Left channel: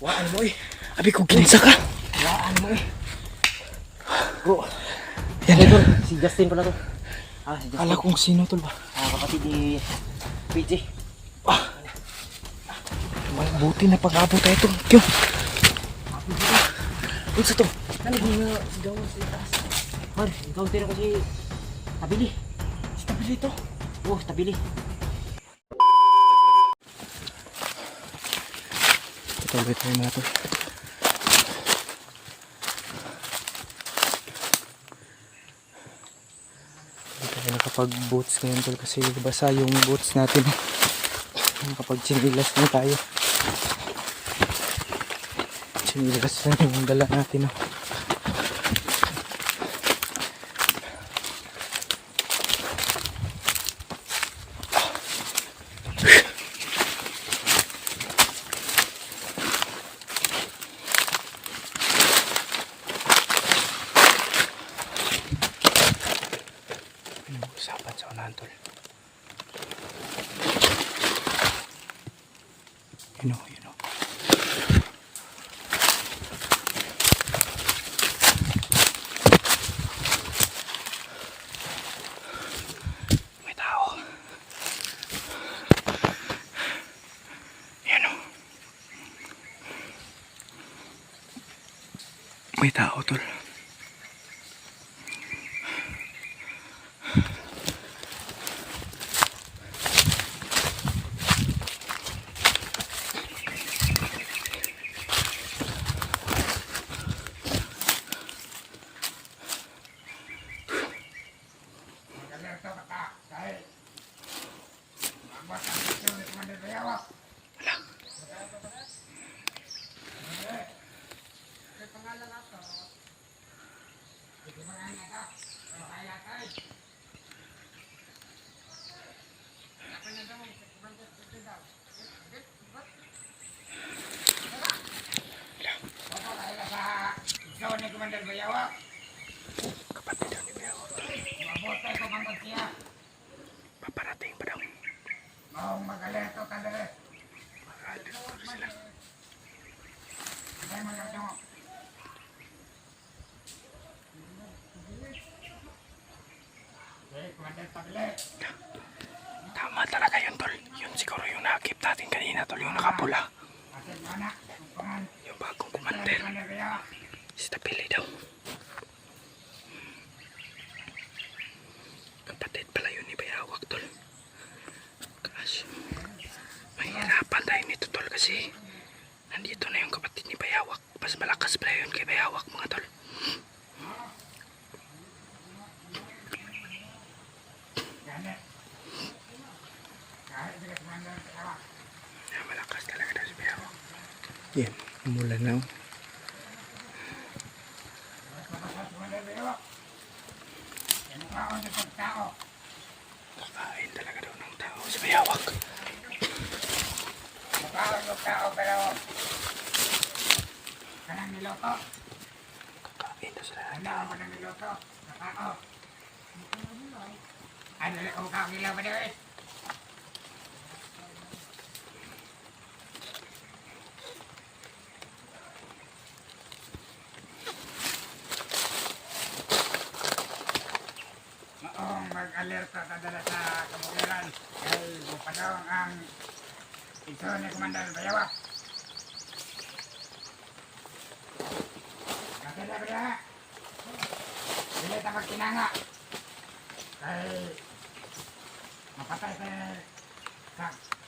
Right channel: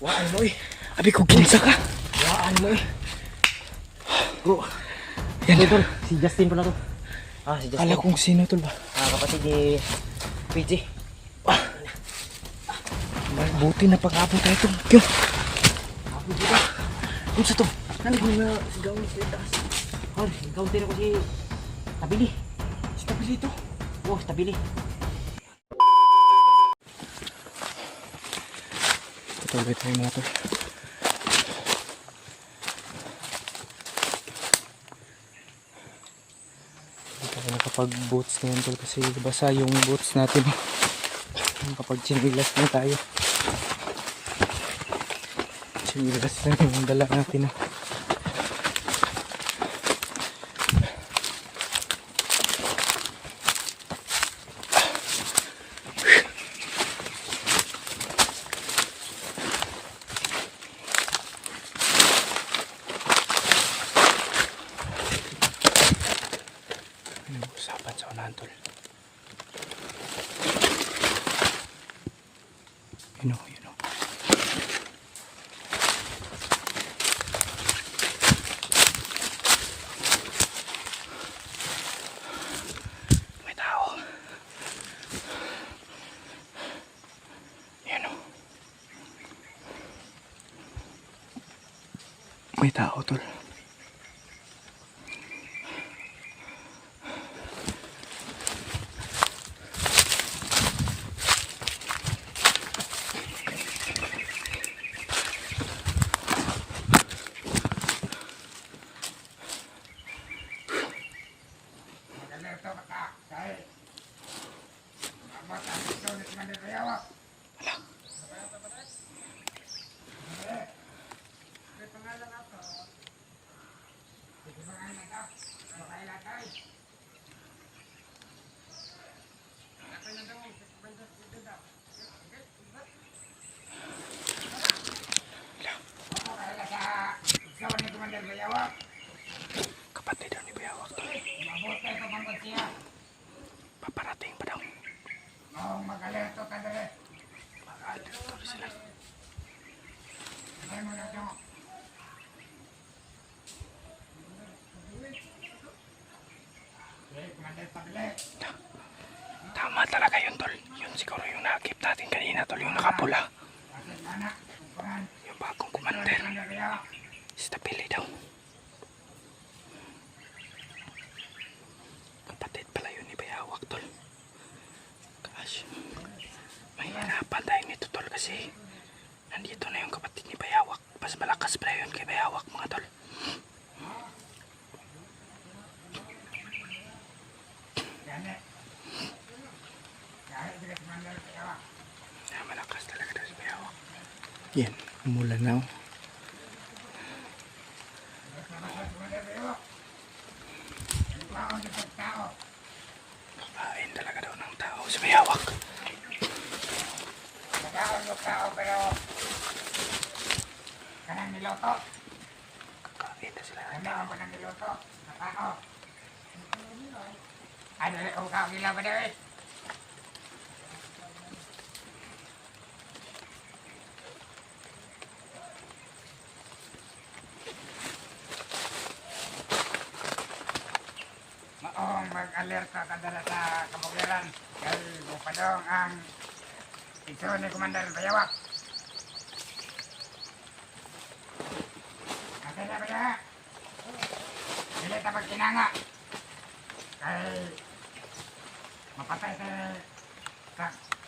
Waan mo eh. Abi ko kinsa ka. Waan mo eh. Oh. Yan ito. Si Justin pala to. Si Justin. Kala kong sino tol ba? Kapatid ni PJ. Buti na pag-abot tayo tol. Kyo. Ako dito. Unsa to? Nani mga sigaw sa taas. Hoy, ikaw tira ko si Tabili. Si Tabili to. Oh, Tabili. Ito ulit tayo mga tol. Hindi tayo nakapag-boots ngayon tol kasi basa yung boots natin. Nakapag-sinilas lang tayo. Sinilas lang yung dala natin. Usapan sa unahan tol. You know. May tao. You know. May tao tol. Kapatid daw ni Bayawak. Paparating pa daw. Mag-alerto ka dali. Mag-alerto sila. Tama talaga yun tol. Yun siguro yung nakakip natin kanina tol. Yung nakapula. Yung bagong kumander. Si Tabili daw. Kapatid pala yun ni Bayawak tol. Kasi mahirapan tayo nito tol kasi nandito na yung kapatid ni Bayawak. Mas malakas pala yun kay Bayawak mga tol. Malakas talaga daw si Bayawak. Yan, umulan na. Kakain talaga daw ng tao si Bayawak. Pero kanang niloto. Kakain na sila ng Ano tao. mo nang niloto? Katao. Ano rin kung kakila ba dito? Maong mag-alerta ka dala sa kabukiran. Kaya bupadong ang ito ni Commander Bayawak. Nakita ba niya? Dili ta pagkinanga. Kay mapatay sa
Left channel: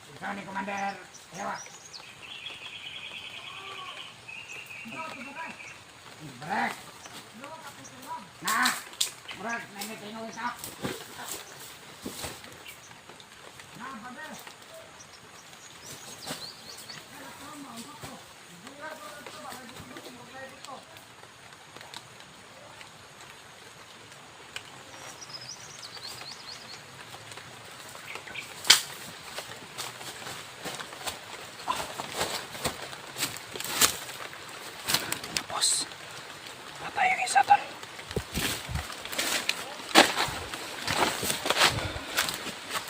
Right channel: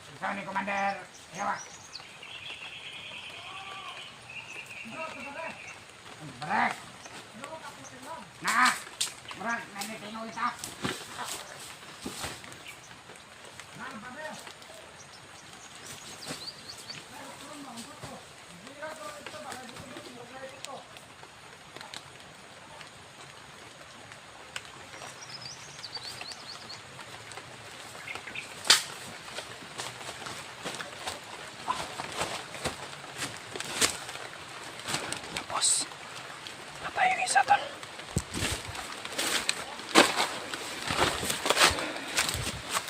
ito ni Commander Bayawak. Brek! Naa! Brek! Nanitinong isa! Naa, brother! Tapos, patay yung isa tol.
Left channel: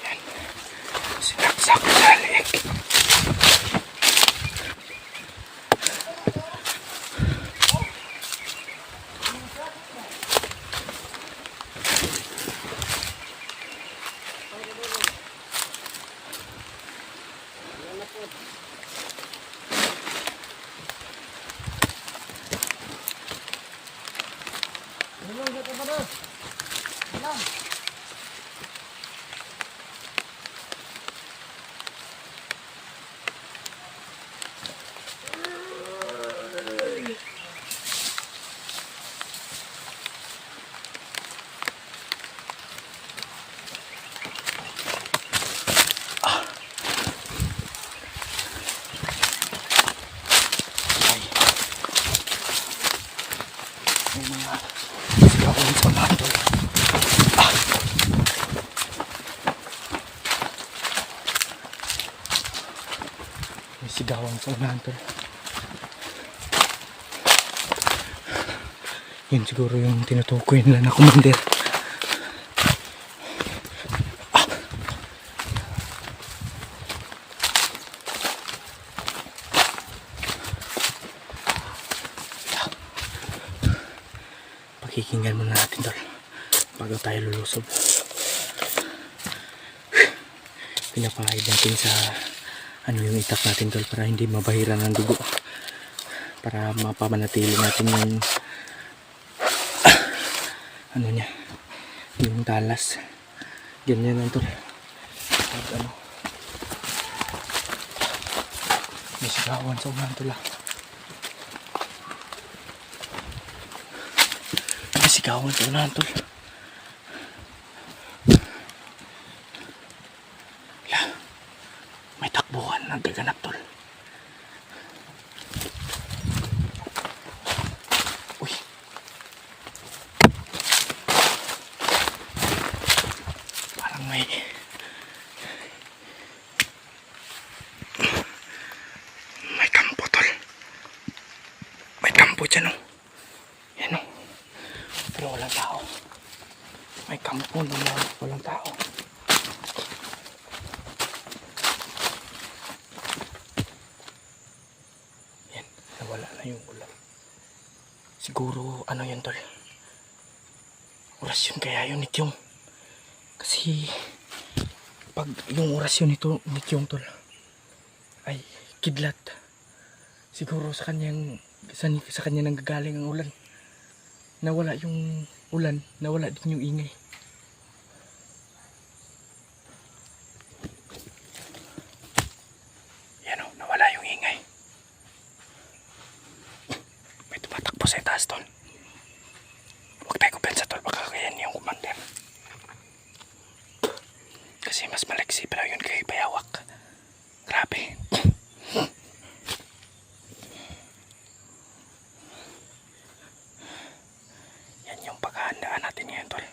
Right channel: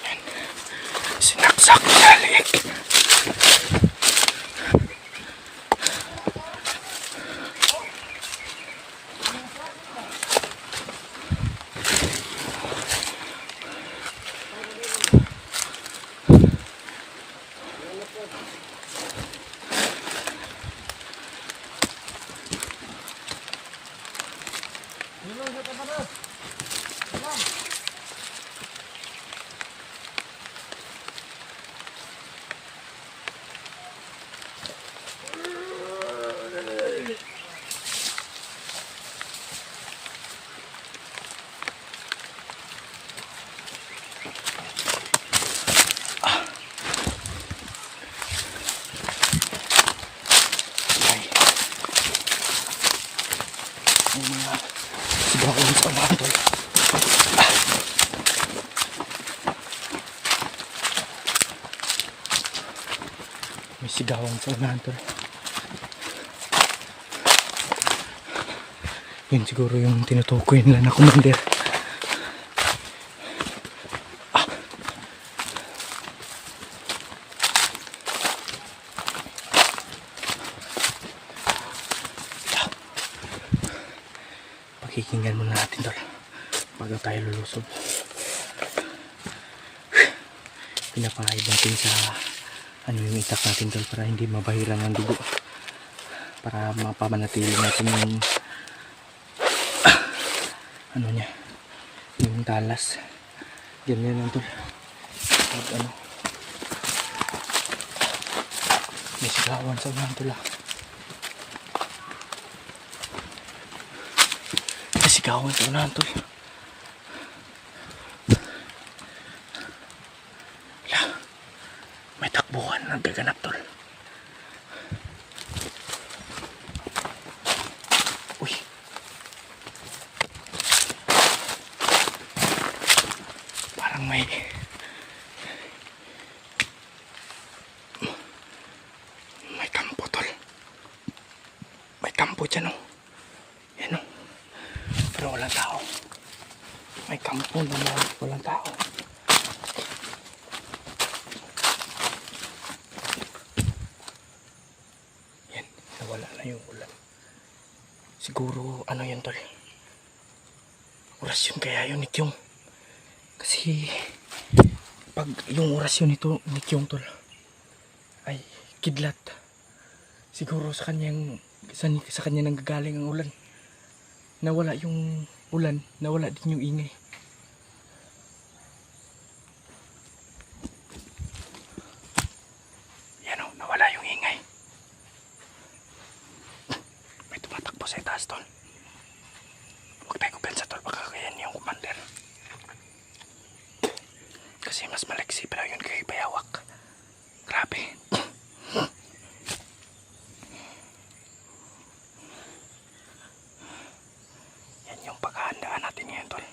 Yan. May mga sigawan sa unahan tol. May sigawan sa unahan tol. Yun siguro yung tinutukoy nila na commander. Pakikinggan muna natin tol bago tayo lulusob. Pinapahid natin sa ano yung itak natin tol para hindi mabahiran ng dugo, para mapamanatili natin yung ano niya, yung talas. Ganyan lang tol. Pag ano, may sigawan sa unahan tol. May sigawan sa unahan tol. May takbuhan na gaganap tol. Uy, parang may kampo tol. May kampo dyan oh. Yan oh. Pero walang tao. May kampo na walang tao. Nawala na yung ulan. Siguro ano yan tol, orasyon kaya yun ni Kyung. Kasi pag yung orasyon nito ni Kyung tol ay kidlat, siguro sa kanyang sa kanya nanggagaling ang ulan. Nawala yung ulan, nawala din yung ingay. Yan o, nawala yung ingay. May tumatakbo sa itaas tol. Huwag tayo kumpensa tol, baka kayan yung commander. Kasi mas maliksi pala yun kay Bayawak. Grabe. Yan yung paghahandaan natin ngayon tol.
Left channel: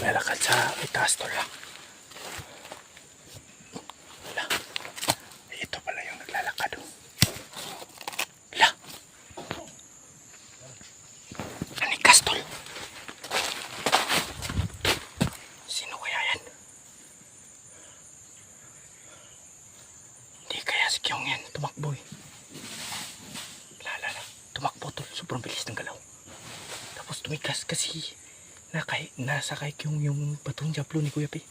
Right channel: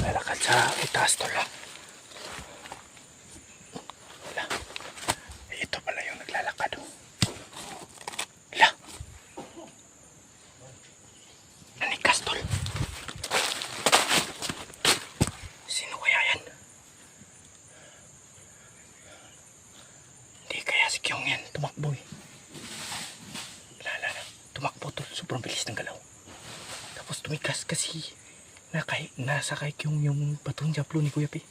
Lalakad sa itaas tol ha. Wala. Ito pala yung naglalakad oh. Wala. Anikas tol. Sino kaya yan? Hindi kaya si Kyung yan. Tumakbo eh. Wala. Tumakbo tol. Sobrang bilis ng galaw. Tapos tumikas kasi nasa kay yung batong Diablo ni Kuya P.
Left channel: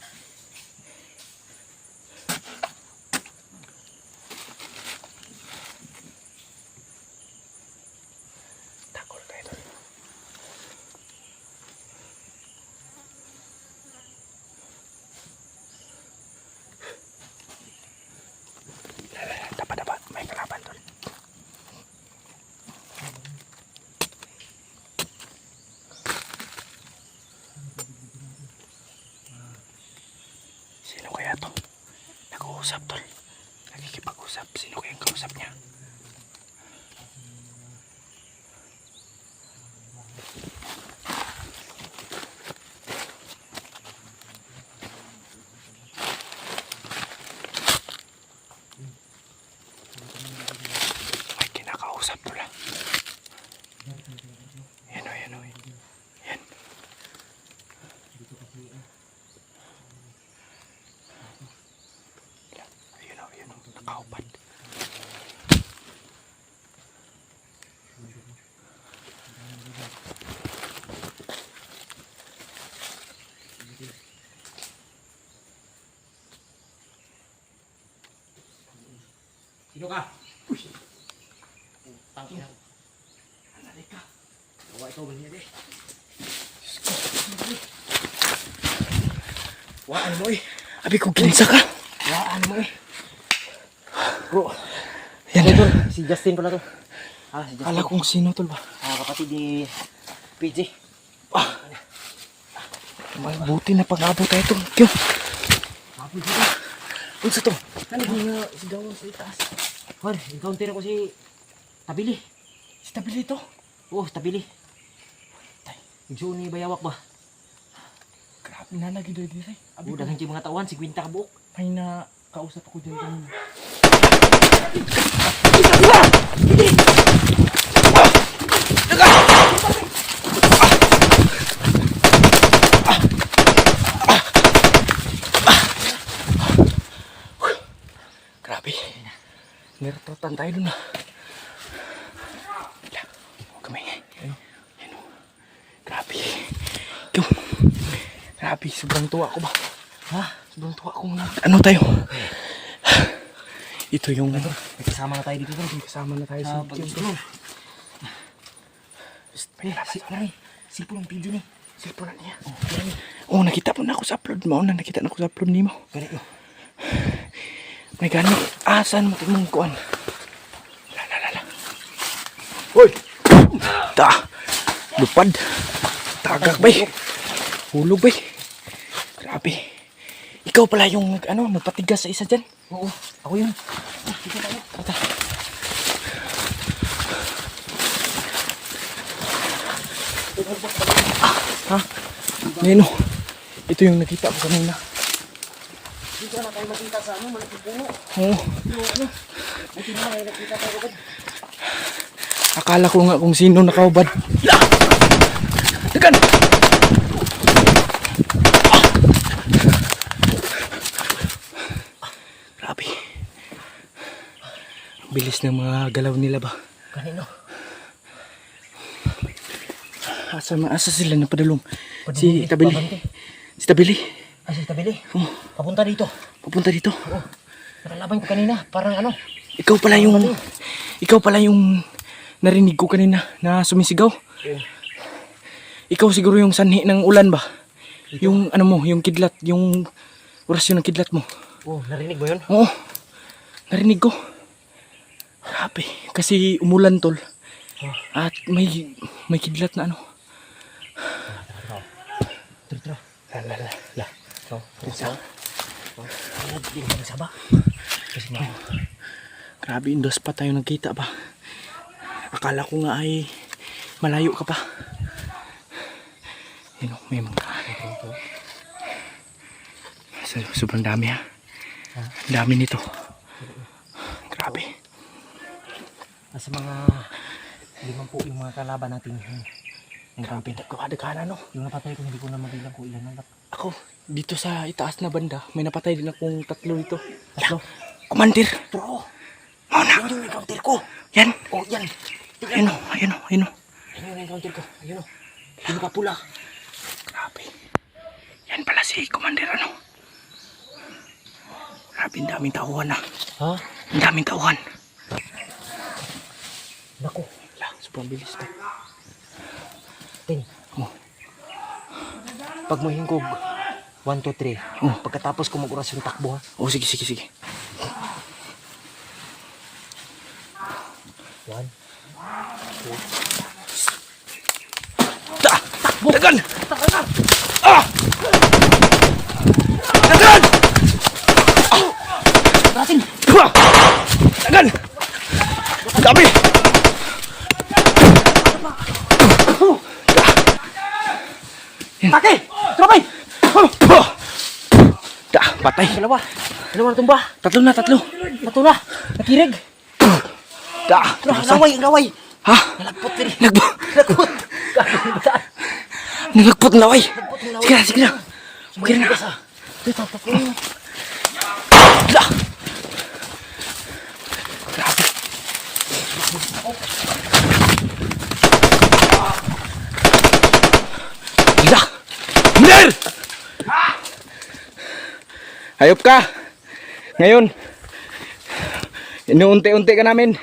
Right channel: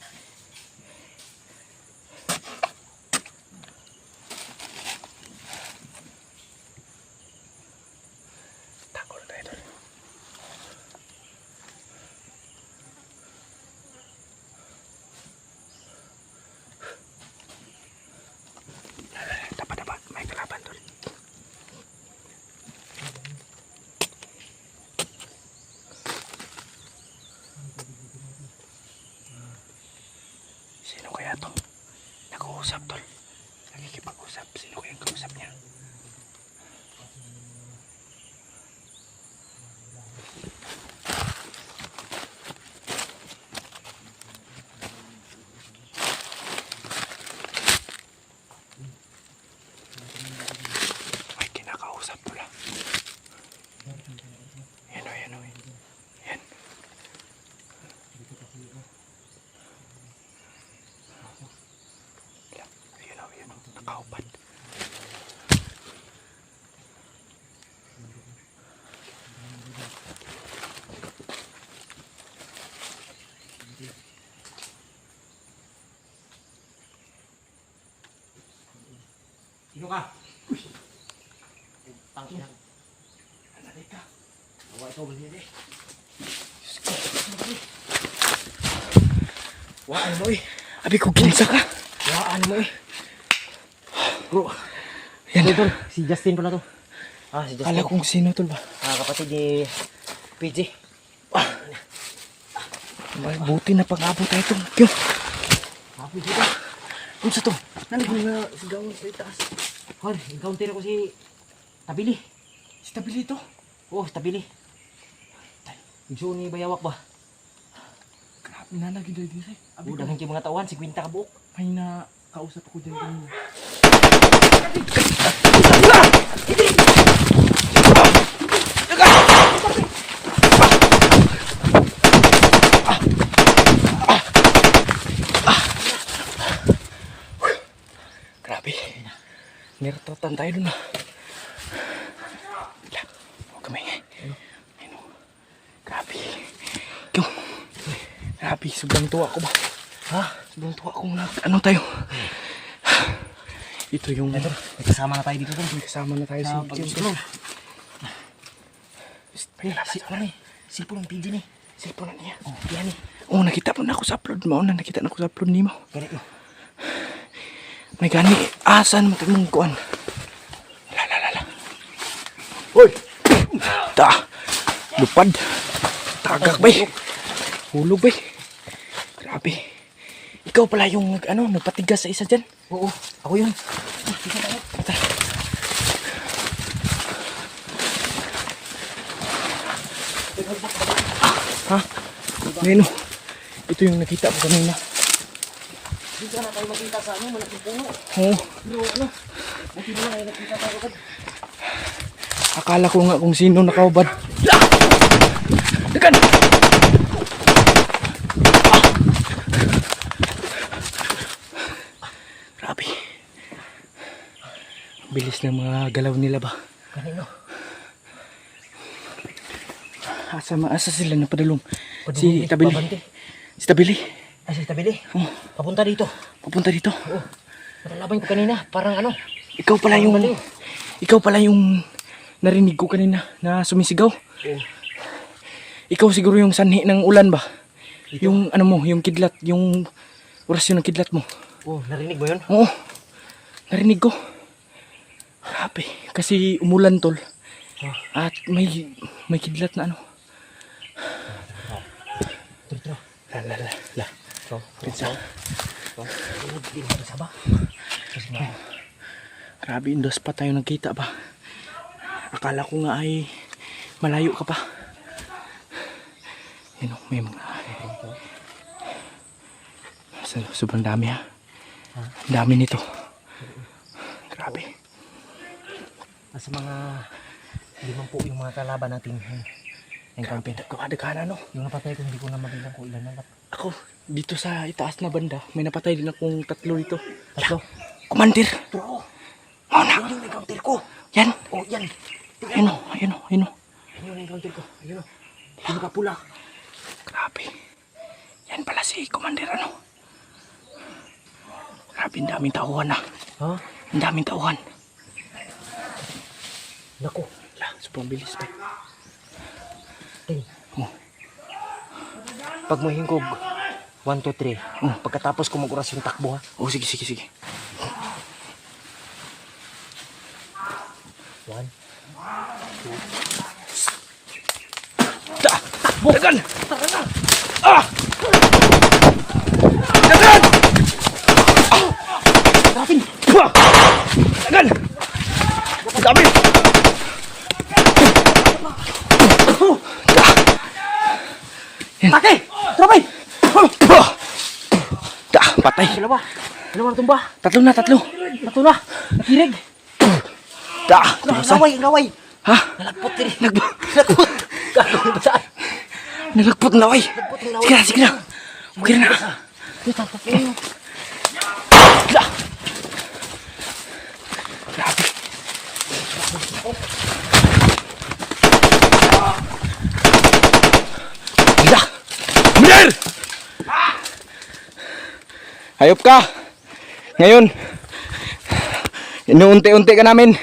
kausap, tol. Nakikipag-usap. Sino ko yung kausap niya? May kinakausap, tol. Yan o, yan o. Yan. Ayun o, nakaupad. Sino ka? Tangina. Ano ka? Gawa ito ba niya? Waan mo eh. Abi ko kinsa ka. Waan mo eh. Bro, Yan. ito, si Justin pala to. Ah, si Justin. Kala kong sino, tol ba? Kapatid ni PJ. Buti na pang-abot tayo ito. Kyo. Apo dito. Kung sa to, nandun na sigawan sa itaas. Har, encounter ko si Tabili. Si Tabili ito. Oh, Tabili. Igsoon ni Bayawak ba? Grabe na lagi doon dito. Abi ko, Dahan si mga tawan, 50 ka buok. may na kausap ako dyan kanina. Grabe. Niratotan tayo dun ah. Wala. Huwag kami. Ayun o. Grabe. Yung. Grabe. Sobrang tuwa ko ba? Ha? Sobrang tuwa ko na. Ano tayo? Ito yung May kasama na tayo dito dun. may kasama na tayo Sa si pag-isulong. Cellphone ng PJ ni. Cellphone na niya. Oh, yan. Oh, nakita mo na ako sa upload mo. Nakita na ako sa upload ni mo. Ganit no. May gani. Asan mo itong kuan? Lala. Hoy! Ta! Lupad! Tagak bay! Hulog bay! Grabe. Ikaw pala yung nagpatigas sa isa dyan. Oo, ako yun. Ta. Ha? Neno. Ito yung nakita ko kanina. Hindi ka na tayo makita sa malaking puno. Oo. Pero buti na lang ay nakita tayo agad. Akala ko nga kung sino nakaubad. Dekan! Grabe. Ang bilis ng mga galaw nila ba? Kanino? Asa sila napadalong? Si Tabili. Babante. Si Tabili. Ah, si Tabili. Oh, Papunta dito. papunta dito. Oo. Nakalaban ko kanina. Parang ano. Ikaw pala yung... baliw. Ikaw pala yung narinig ko kanina na sumisigaw. Oo. Ikaw siguro yung sanhi ng ulan ba? Yung ano mo, yung kidlat, yung orasyon ng kidlat mo. Oh, narinig mo yun? Oo, narinig ko. Grabe, kasi umulan tol. Oh. At may kidlat na ano. Tro. La. So. Hindi mo nagsaba. Kasi nga. Grabe, indos pa tayo nagkita ba? Akala ko nga ay malayo ka pa. Yun o, may mga... Sobrang dami ha. Ang dami nito. Grabe. Nasa mga 5 po yung mga kalaban natin. Grabe, nagkakadagana no. Yung napatay ko, hindi ko na mabilang kung ilan na. Ako, dito sa itaas na banda, may napatay din akong 3 dito. Tatlo. Kumandir! Tro. Oh, na! Yan yung encounter ko. Yan! Oh, yan. Ayun o, ayun o, ayun o. Yan yung encounter ko. Ayun o. Pinakapula. Grabe. Yan pala si Commander ano. Grabe, ang daming tauhan na. Ha? Ang daming tauhan. Naku. Lang, sobrang bilis pa. Tin. Oh. Pag mo hingkog, 1, 2, 3. Oh. Pagkatapos ko mag-orasyon takbo ha. Oh, sige. 1. Takbo! Dagan! Ah! Dagan! Ah! Ate! Tropay! Da, patay. Dalawa na tumba. Tatlo na. Tatlo na. Nakirig. Da, tumasan. Laway. Ha? Nalagpot diri. Nilagpot na laway. Nalagpot ng laway. Sige na. Okay na. Kita pa po. Da. Grabe. Da. Bener! Hayop ka. Ngayon, inuunti-unti ka namin.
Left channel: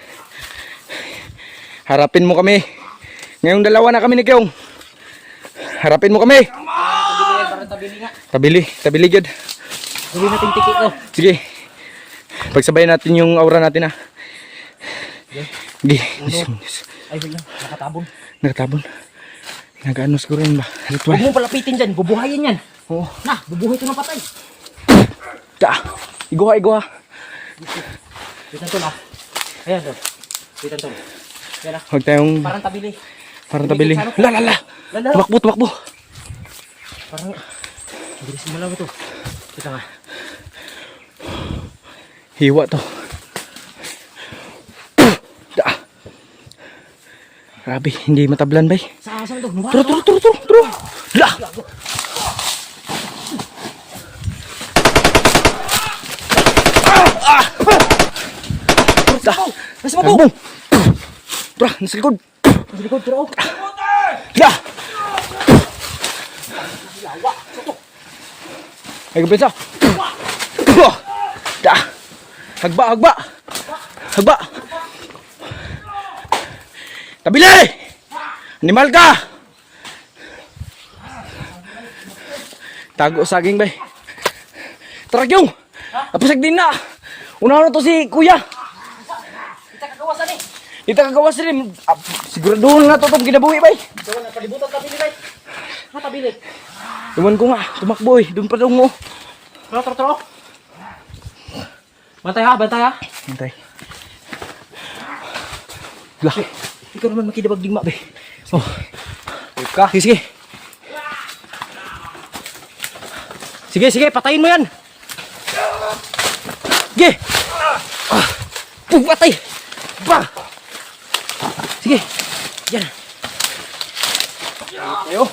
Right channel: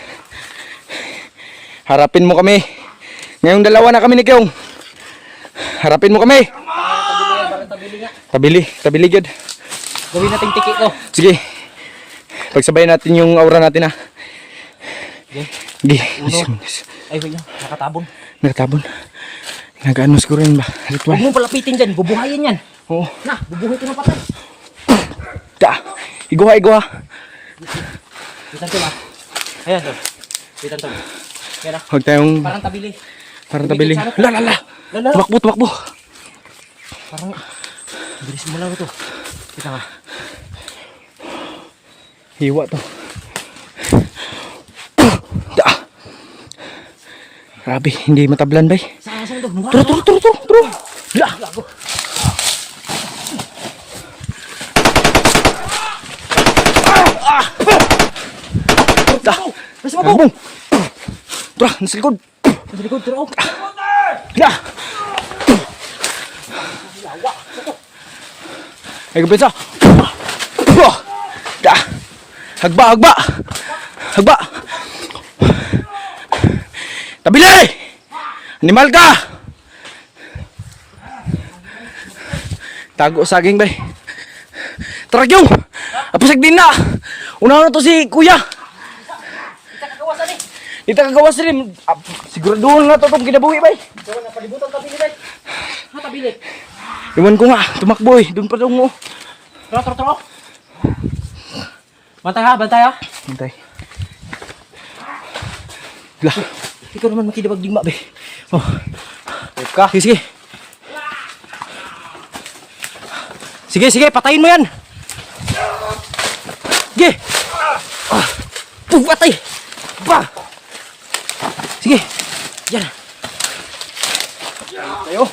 Harapin mo kami. Ngayong dalawa na kami ni Kyong. Harapin mo kami. Tabili yun. Gawin natin tikit no. Sige. Pagsabayin natin yung aura natin ha. Sige. Ay wait, nakatabon. Nakatabon. Nag-ano siguro yun ba? Ritual. Huwag mong palapitin dyan, bubuhayin yan. Oo. Na, bubuhay ko ng patay. Da. Iguha. Wait lang Ayan to. Wait lang Yan na. Huwag tayong Parang tabili. Lala. Lala. Tumakbo. Parang, bilis mo lang ito. Kita nga. Hiwa to. Da. Grabe, hindi matablan bay. Saan ito? Turo. La. Da. Tagbong. Tara, nasa likod. Sa likod, turo. Da. Ay, kapensa. Da. Hagba. Tabili! Animal ka! Tago saging bay. Tara yung! Apasag din na! Unahan na to si kuya! Kita kagawas rin. Siguraduhan na to itong kinabuhi bay. Napalibutan tabili, bay. Tabili. Iwan ko nga, tumakbo eh. Doon pa daw mo. Turo. Bantay ha. Hintay. Lah. Ikaw naman makidabag digma, bay. Oh. Wait ka. Sige. Sige, patayin mo yan. Sige. Patay. Ba. Sige. Yan. Tayo.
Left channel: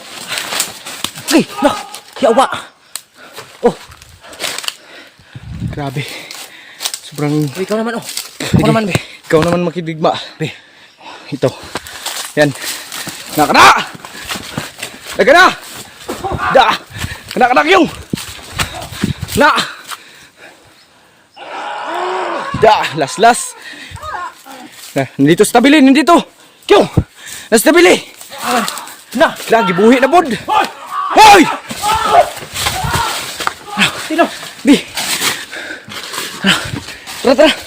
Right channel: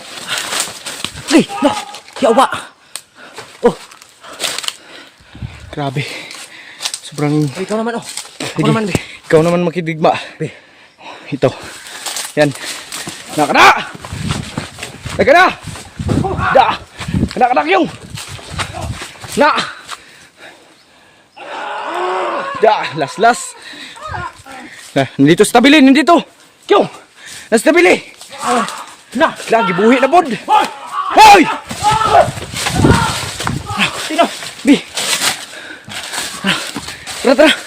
No. Yawa. Oh. Grabe. Sobrang... Ikaw naman, oh. Sige. Ikaw naman makidigma. Be. Ito. Yan. Nakana! Da! Kanak yung! Na! Da! Las! Nandito sa tabili! Yung! Nasa tabili! Na! Lagi buhi na bod! Hoy! Tino! Bi! Tara!